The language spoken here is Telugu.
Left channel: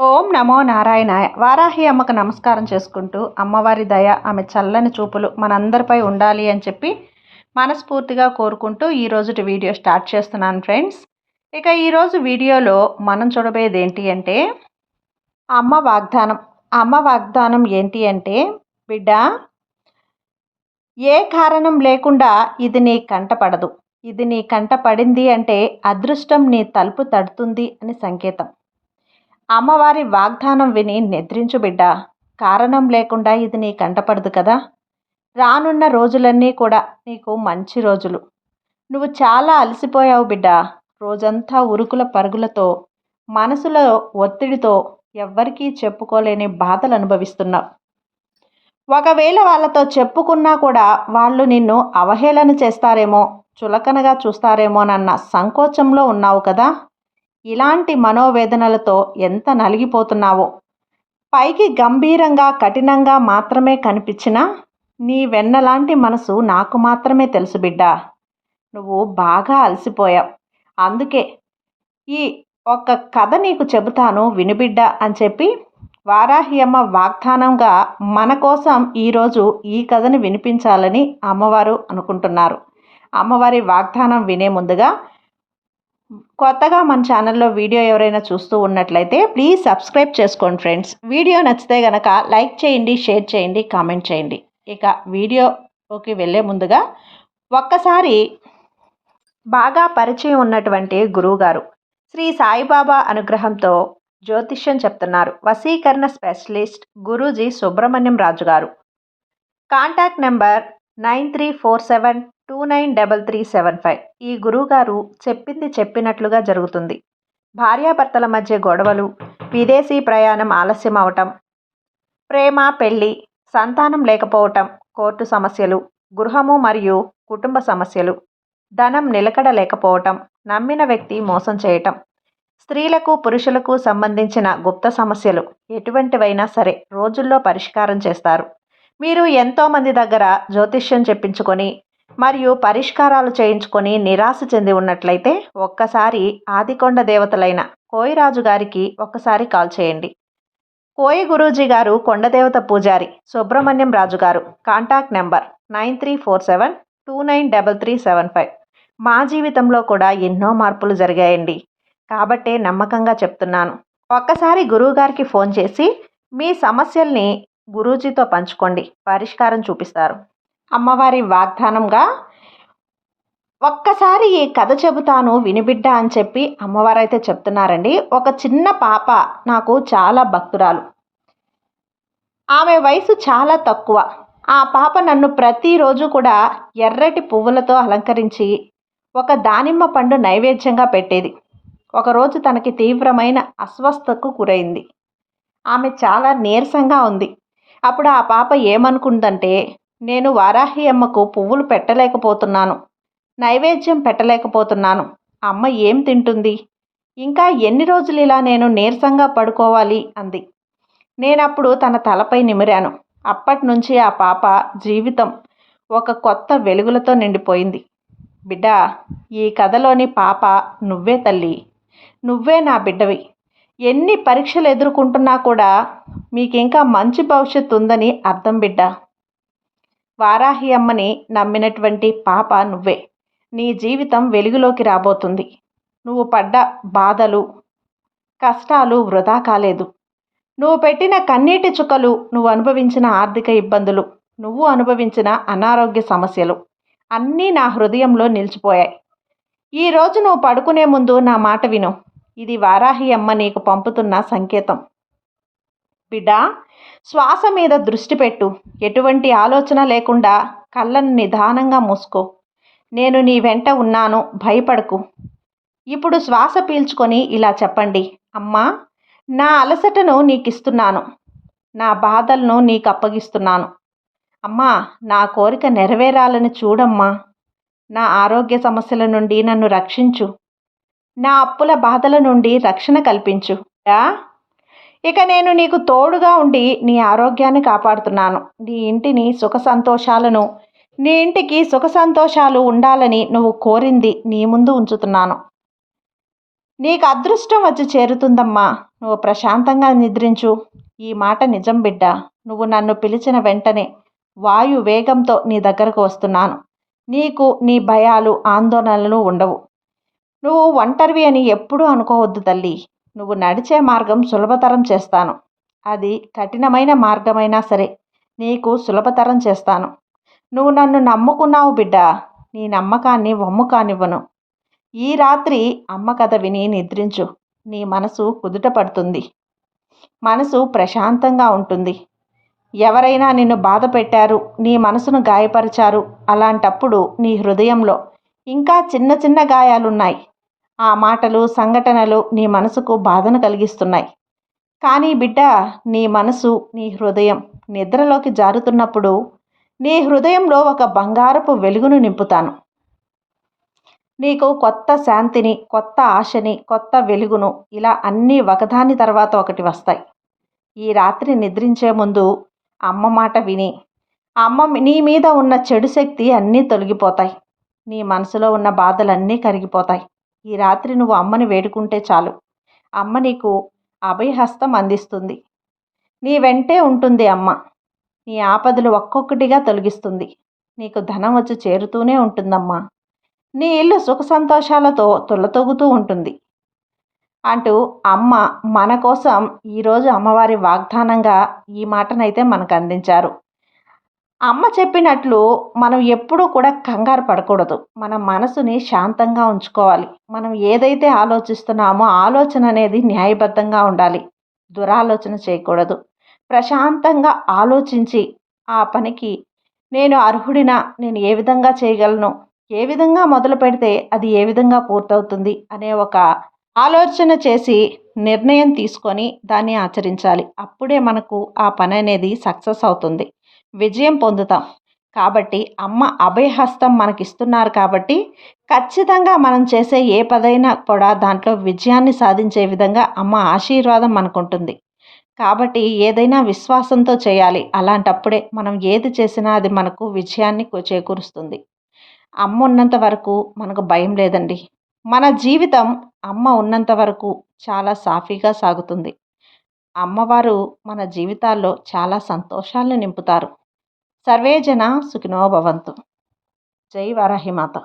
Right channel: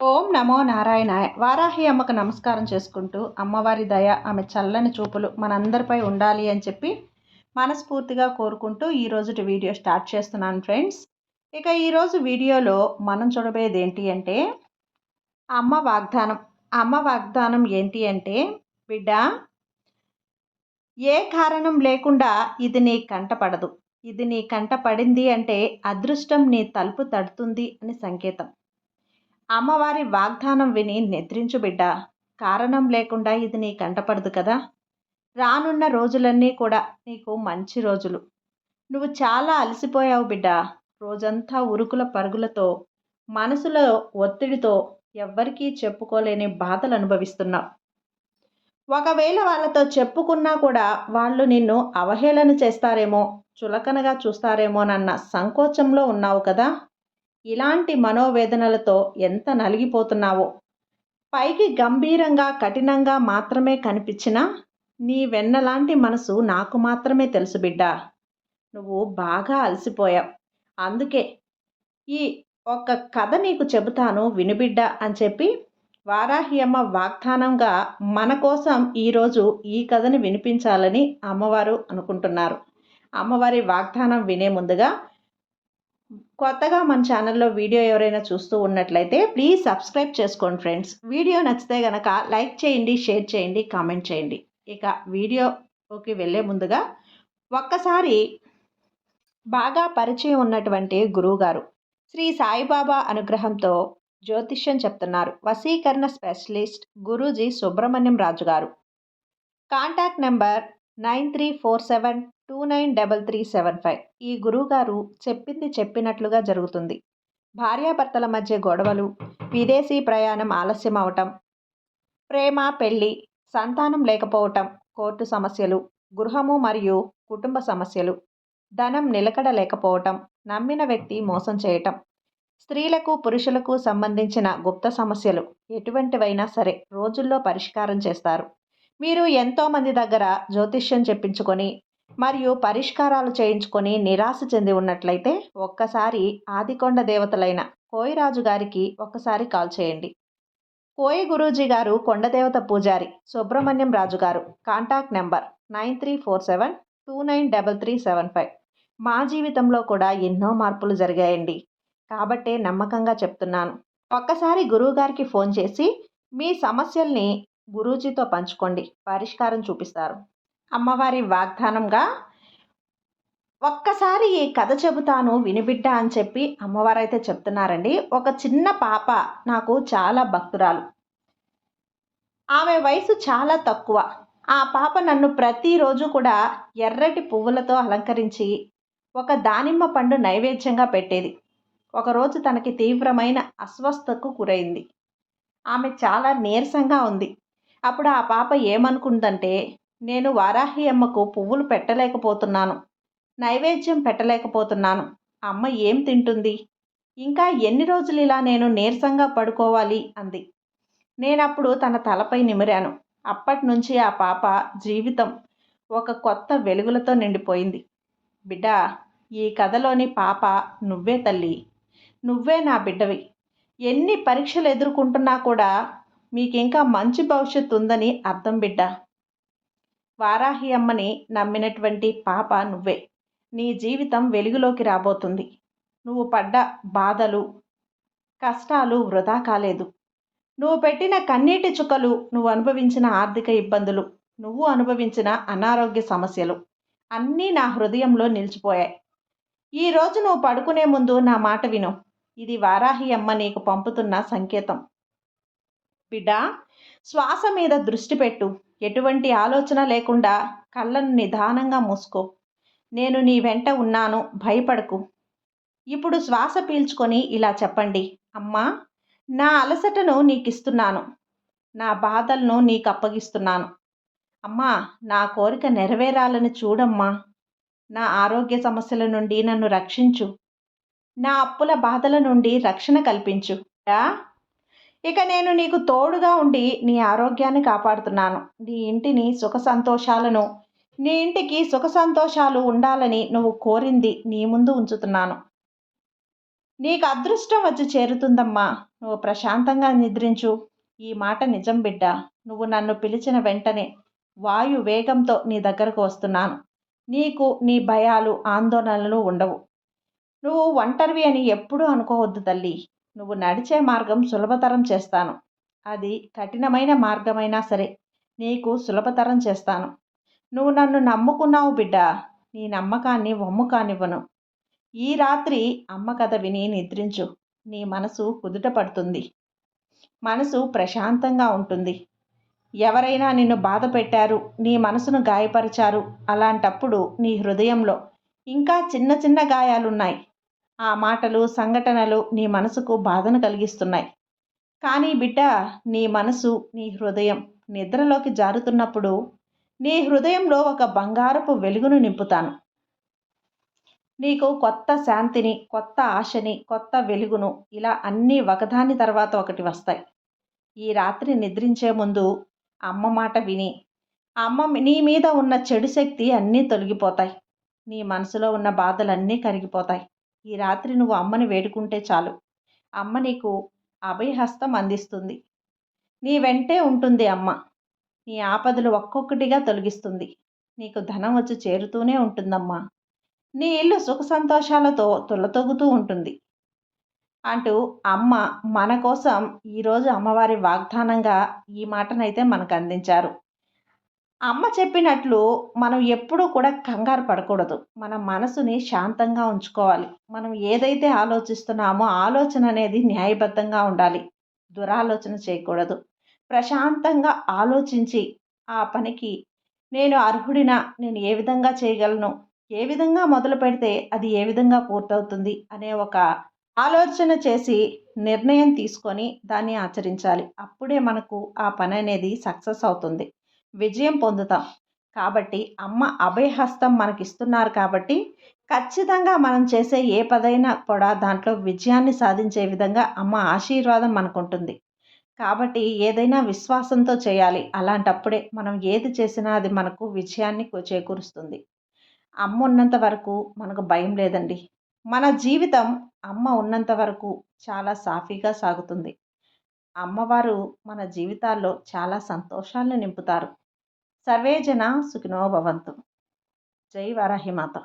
ఓం నమో నారాయణ వారాహి అమ్మకు నమస్కారం చేసుకుంటూ అమ్మవారి దయ ఆమె చల్లని చూపులు మనందరిపై ఉండాలి అని చెప్పి మనస్ఫూర్తిగా కోరుకుంటూ ఈరోజుటి వీడియో స్టార్ట్ చేస్తున్నాను ఫ్రెండ్స్. ఇక ఈరోజు వీడియోలో మనం చూడబోయేది ఏంటి అంటే అమ్మ వాగ్దానం. అమ్మ వాగ్దానం ఏంటి అంటే బిడ్డ ఏ కారణం లేకుండా ఇది నీ కంట పడదు. ఇది నీ కంట పడింది అంటే అదృష్టం నీ తలుపు తడుతుంది అని సంకేతం. అమ్మవారి వాగ్దానం విని నిద్రించు బిడ్డ. కారణం లేకుండా ఇది నీ కంటపడదు కదా. రానున్న రోజులన్నీ కూడా నీకు మంచి రోజులు. నువ్వు చాలా అలసిపోయావు బిడ్డ. రోజంతా ఉరుకుల పరుగులతో మనసులో ఒత్తిడితో ఎవ్వరికీ చెప్పుకోలేని బాధలు అనుభవిస్తున్నావు. ఒకవేళ వాళ్ళతో చెప్పుకున్నా కూడా వాళ్ళు నిన్ను అవహేళన చేస్తారేమో చులకనగా చూస్తారేమోనన్న సంకోచంలో ఉన్నావు కదా. ఇలాంటి మనోవేదనలతో ఎంత నలిగిపోతున్నావో. పైకి గంభీరంగా కఠినంగా మాత్రమే కనిపించినా నీ వెన్నలాంటి మనసు నాకు మాత్రమే తెలుసు బిడ్డ. నువ్వు బాగా అలసిపోయావు. అందుకే ఈ ఒక కథ నీకు చెబుతాను వినుబిడ్డ అని చెప్పి వారాహ్యమ్మ వాగ్దానంగా మన కోసం ఈరోజు ఈ కథని వినిపించాలని అమ్మవారు అనుకుంటున్నారు. అమ్మవారి వాగ్దానం వినే ముందుగా కొత్తగా మన ఛానల్లో వీడియో ఎవరైనా చూస్తూ ఉన్నట్లయితే ప్లీజ్ సబ్స్క్రైబ్ చేసుకోండి ఫ్రెండ్స్. వీడియో నచ్చితే కనుక లైక్ చేయండి షేర్ చేయండి కామెంట్ చేయండి. ఇక వీడియోకి వెళ్ళే ముందుగా ఒక్కసారి బాగా పరిచయం ఉన్నటువంటి గురువుగారు శ్రీ సాయిబాబా అనుగ్రహంతో జ్యోతిష్యం చెప్తున్నారు. వసీకరణ స్పెషలిస్ట్ గురూజీ సుబ్రహ్మణ్యం రాజు గారు contact number nine three four seven two nine double three seven five. ఈ గురువుగారు చెప్పింది చెప్పినట్లుగా జరుగుతుంది. భార్యాభర్తల మధ్య గొడవలు విదేశీ ప్రయాణం ఆలస్యం అవటం ప్రేమ పెళ్ళి సంతానం లేకపోవటం కోర్టు సమస్యలు గృహము మరియు కుటుంబ సమస్యలు ధనం నిలకడ లేకపోవటం నమ్మిన వ్యక్తి మోసం చేయటం స్త్రీలకు పురుషులకు సంబంధించిన గుప్త సమస్యలు ఎటువంటివైనా సరే రోజుల్లో పరిష్కారం చేస్తారు. మీరు ఎంతోమంది దగ్గర జ్యోతిష్యం చెప్పించుకొని మరియు పరిష్కారాలు చేయించుకొని నిరాశ చెంది ఉన్నట్లయితే ఒక్కసారి ఆదికొండ దేవతలైన కోయిరాజు గారికి ఒక్కసారి కాల్ చేయండి. కోయి గురూజీ గారు కొండదేవత పూజారి సుబ్రహ్మణ్యం రాజు గారు. Contact number nine three four seven two nine double three seven five. మా జీవితంలో కూడా ఎన్నో మార్పులు జరిగాయండి. కాబట్టే నమ్మకంగా చెప్తున్నాను. ఒక్కసారి గురువుగారికి ఫోన్ చేసి మీ సమస్యల్ని గురూజీతో పంచుకోండి. పరిష్కారం చూపిస్తారు. అమ్మవారి వాగ్దానంగా ఒక్కసారి ఈ కథ చెబుతాను వినిబిడ్డ అని చెప్పి అమ్మవారు అయితే చెప్తున్నారండి. ఒక చిన్న పాప నాకు చాలా భక్తురాలు. ఆమె వయసు చాలా తక్కువ. ఆ పాప నన్ను ప్రతిరోజు కూడా ఎర్రటి పువ్వులతో అలంకరించి ఒక దానిమ్మ పండు నైవేద్యంగా పెట్టేది. ఒకరోజు తనకి తీవ్రమైన అస్వస్థకు గురైంది. ఆమె చాలా నీరసంగా ఉంది. అప్పుడు ఆ పాప ఏమనుకుందంటే నేను వారాహి అమ్మకు పువ్వులు పెట్టలేకపోతున్నాను. నైవేద్యం పెట్టలేకపోతున్నాను. అమ్మ ఏం తింటుంది? ఇంకా ఎన్ని రోజులు ఇలా నేను నీరసంగా పడుకోవాలి? అంది. నేనప్పుడు తన తలపై నిమిరాను. అప్పటి నుంచి ఆ పాప జీవితం ఒక కొత్త వెలుగులతో నిండిపోయింది. బిడ్డ ఈ కథలోని పాప నువ్వే తల్లి. నువ్వే నా బిడ్డవి. ఎన్ని పరీక్షలు ఎదుర్కొంటున్నా కూడా మీకు ఇంకా మంచి భవిష్యత్తు ఉందని అర్థం బిడ్డ. వారాహి అమ్మని నమ్మినటువంటి పాప నువ్వే. నీ జీవితం వెలుగులోకి రాబోతుంది. నువ్వు పడ్డ బాధలు కష్టాలు వృధా కాలేదు. నువ్వు పెట్టిన కన్నీటి చుక్కలు నువ్వు అనుభవించిన ఆర్థిక ఇబ్బందులు నువ్వు అనుభవించిన అనారోగ్య సమస్యలు అన్నీ నా హృదయంలో నిలిచిపోయాయి. ఈరోజు నువ్వు పడుకునే ముందు నా మాట విను. ఇది వారాహి అమ్మ నీకు పంపుతున్న సంకేతం. బిడ్డా శ్వాస మీద దృష్టి పెట్టు. ఎటువంటి ఆలోచన లేకుండా కళ్ళను నిదానంగా మూసుకో. నేను నీ వెంట ఉన్నాను. భయపడకు. ఇప్పుడు శ్వాస పీల్చుకొని ఇలా చెప్పండి. అమ్మా నా అలసటను నీకు ఇస్తున్నాను నా బాధలను నీకు అప్పగిస్తున్నాను అమ్మా నా కోరిక నెరవేరాలని చూడమ్మా. నా ఆరోగ్య సమస్యల నుండి నన్ను రక్షించు. నా అప్పుల బాధల నుండి రక్షణ కల్పించు. ఇక నేను నీకు తోడుగా ఉండి నీ ఆరోగ్యాన్ని కాపాడుతున్నాను. నీ ఇంటిని సుఖ సంతోషాలను నీ ఇంటికి సుఖ సంతోషాలు ఉండాలని నువ్వు కోరింది నీ ముందు ఉంచుతున్నాను. నీకు అదృష్టం వచ్చి చేరుతుందమ్మా. నువ్వు ప్రశాంతంగా నిద్రించు. ఈ మాట నిజం బిడ్డ. నువ్వు నన్ను పిలిచిన వెంటనే వాయు వేగంతో నీ దగ్గరకు వస్తున్నాను. నీకు నీ భయాలు ఆందోళనలు ఉండవు. నువ్వు ఒంటరివి అని ఎప్పుడూ అనుకోవద్దు తల్లి. నువ్వు నడిచే మార్గం సులభతరం చేస్తాను. అది కఠినమైన మార్గమైనా సరే నీకు సులభతరం చేస్తాను. నువ్వు నన్ను నమ్ముకున్నావు బిడ్డ. నీ నమ్మకాన్ని వమ్ము కానివ్వను. ఈ రాత్రి అమ్మ కథ విని నిద్రించు. నీ మనసు కుదుట పడుతుంది. మనసు ప్రశాంతంగా ఉంటుంది. ఎవరైనా నిన్ను బాధ పెట్టారు నీ మనసును గాయపరిచారు అలాంటప్పుడు నీ హృదయంలో ఇంకా చిన్న చిన్న గాయాలున్నాయి. ఆ మాటలు సంఘటనలు నీ మనసుకు బాధను కలిగిస్తున్నాయి. కానీ బిడ్డ నీ మనసు నీ హృదయం నిద్రలోకి జారుతున్నప్పుడు నీ హృదయంలో ఒక బంగారపు వెలుగును నింపుతాను. నీకు కొత్త శాంతిని కొత్త ఆశని కొత్త వెలుగును ఇలా అన్నీ ఒకదాని తర్వాత ఒకటి వస్తాయి. ఈ రాత్రి నిద్రించే ముందు అమ్మ మాట విని అమ్మ నీ మీద ఉన్న చెడు శక్తి అన్నీ తొలగిపోతాయి. నీ మనసులో ఉన్న బాధలన్నీ కరిగిపోతాయి. ఈ రాత్రి నువ్వు అమ్మని వేడుకుంటే చాలు. అమ్మ నీకు అభయహస్తం అందిస్తుంది. నీ వెంటే ఉంటుంది అమ్మ. నీ ఆపదలు ఒక్కొక్కటిగా తొలగిస్తుంది. నీకు ధనం వచ్చి చేరుతూనే ఉంటుందమ్మా. నీ ఇల్లు సుఖ సంతోషాలతో తుల్లతొగుతూ ఉంటుంది. అంటూ అమ్మ మన కోసం ఈరోజు అమ్మవారి వాగ్దానంగా ఈ మాటనైతే మనకు అందించారు. అమ్మ చెప్పినట్లు మనం ఎప్పుడూ కూడా కంగారు పడకూడదు. మన మనసుని శాంతంగా ఉంచుకోవాలి. మనం ఏదైతే ఆలోచిస్తున్నామో ఆలోచన అనేది న్యాయబద్ధంగా ఉండాలి. దురాలోచన చేయకూడదు. ప్రశాంతంగా ఆలోచించి ఆ పనికి నేను అర్హుడినా నేను ఏ విధంగా చేయగలను ఏ విధంగా మొదలు పెడితే అది ఏ విధంగా పూర్తవుతుంది అనే ఒక ఆలోచన చేసి నిర్ణయం తీసుకొని దాన్ని ఆచరించాలి. అప్పుడే మనకు ఆ పని అనేది సక్సెస్ అవుతుంది. విజయం పొందుతాం. కాబట్టి అమ్మ అభయహస్తం మనకిస్తున్నారు కాబట్టి ఖచ్చితంగా మనం చేసే ఏ పదైనా కూడా దాంట్లో విజయాన్ని సాధించే విధంగా అమ్మ ఆశీర్వాదం మనకుంటుంది. కాబట్టి ఏదైనా విశ్వాసంతో చేయాలి. అలాంటప్పుడే మనం ఏది చేసినా అది మనకు విజయాన్ని చేకూరుస్తుంది. అమ్మ ఉన్నంత వరకు మనకు భయం లేదండి. మన జీవితం అమ్మ ఉన్నంత వరకు చాలా సాఫీగా సాగుతుంది. అమ్మవారు మన జీవితాల్లో చాలా సంతోషాలను నింపుతారు. సర్వేజన సుఖినో భవంతు. జై వరాహిమాత